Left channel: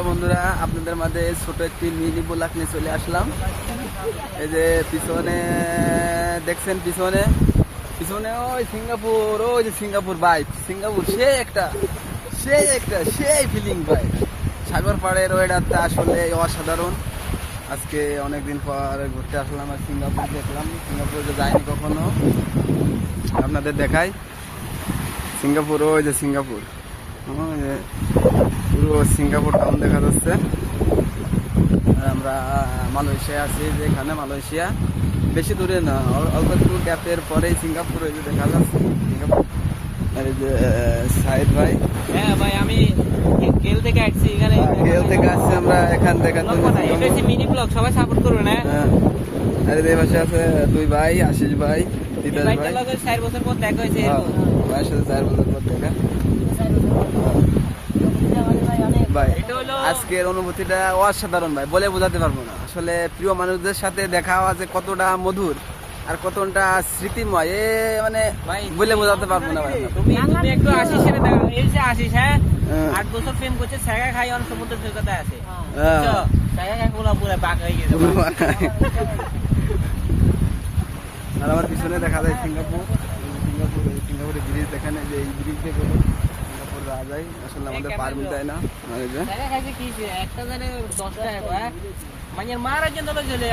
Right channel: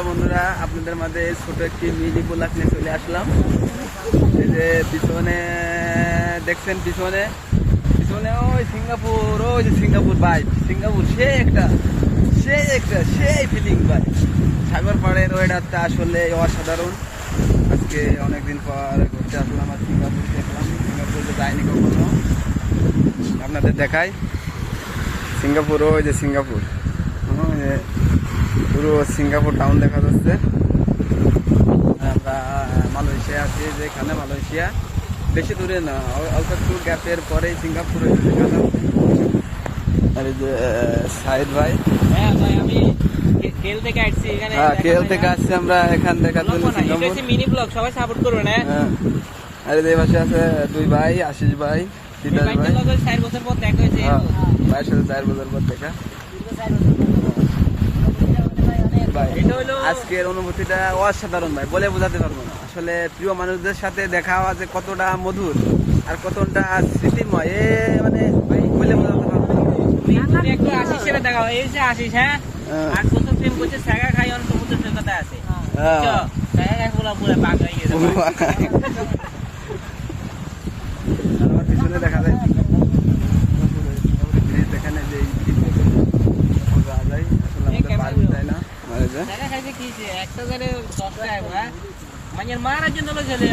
Hello বন্ধুরা, আপনাদের মাঝে ছোট একটি মিনি ব্লগ নিয়ে চলে আসলাম। এই যে পিছনে দেখছেন, পিছনে ওই সিঙ্গাপুর ভাই, সিঙ্গাপুর সেই ফিলিং ভাই। সাগর পাড়ের ওয়েদারটা আসলে অসাধারণ। আজকে অনেকদিন পর ঘুরতে আসলাম আর সিঙ্গাপুর দেখলাম। সিঙ্গাপুরে যাইনি কখনো, আপনাদের দেখাই। সিঙ্গাপুর পুরো সিঙ্গাপুর টাউন দেখা যাচ্ছে। আমরা মালয়েশিয়া আছি, যেখানে মালয়েশিয়া বেশি দূরে না, অল্প একটু গ্যাপের পরেই সিঙ্গাপুর দেখা যাচ্ছে। আর এই যে সাইদ ভাই, হ্যাঁ ভাই, আমি কেল থেকে আসছি। এখানে কেল থেকে আসছি আমরা এখান দেখার জন্য সিঙ্গাপুর। মিনি ব্লগ সবাই সাপোর্ট করবেন। হ্যাঁ, আর এই পাশে আছে দুই ভাই, আশিস ভাই, তিতাস ভাই। 4 বছর পর দেখা হয়েছে। ভাইয়ের সাথে 4 বছর পর দেখা। আজকের অনুভূতিটা অসাধারণ ভাই, বলে বোঝাতে পারবো না। আসলে প্রিয় মানুষদের সাথে দেখা হওয়া যে কতটা মধুর আর কতটা স্মৃতিময়, মানে বলে বোঝাতে পারবো না। একটু আশিস সাথে দেখা হয়, এই যে আশিস, হ্যাঁ 8 বছর প্রেম করছে, সাগা খাই অন সমুদ্র সৈকতে আছে। সাগা খাই পুরো পাক হয়ে গেছে। আর আমার পিছনে দেখা যায় সিঙ্গাপুরে ব্রিজ, দেখানে যে যাওয়া যায়। আসলে আমাদের পার যায় না, সাগা খাইছে কি একটা জানে 10 টাকা, মানে মারার জন্য চলে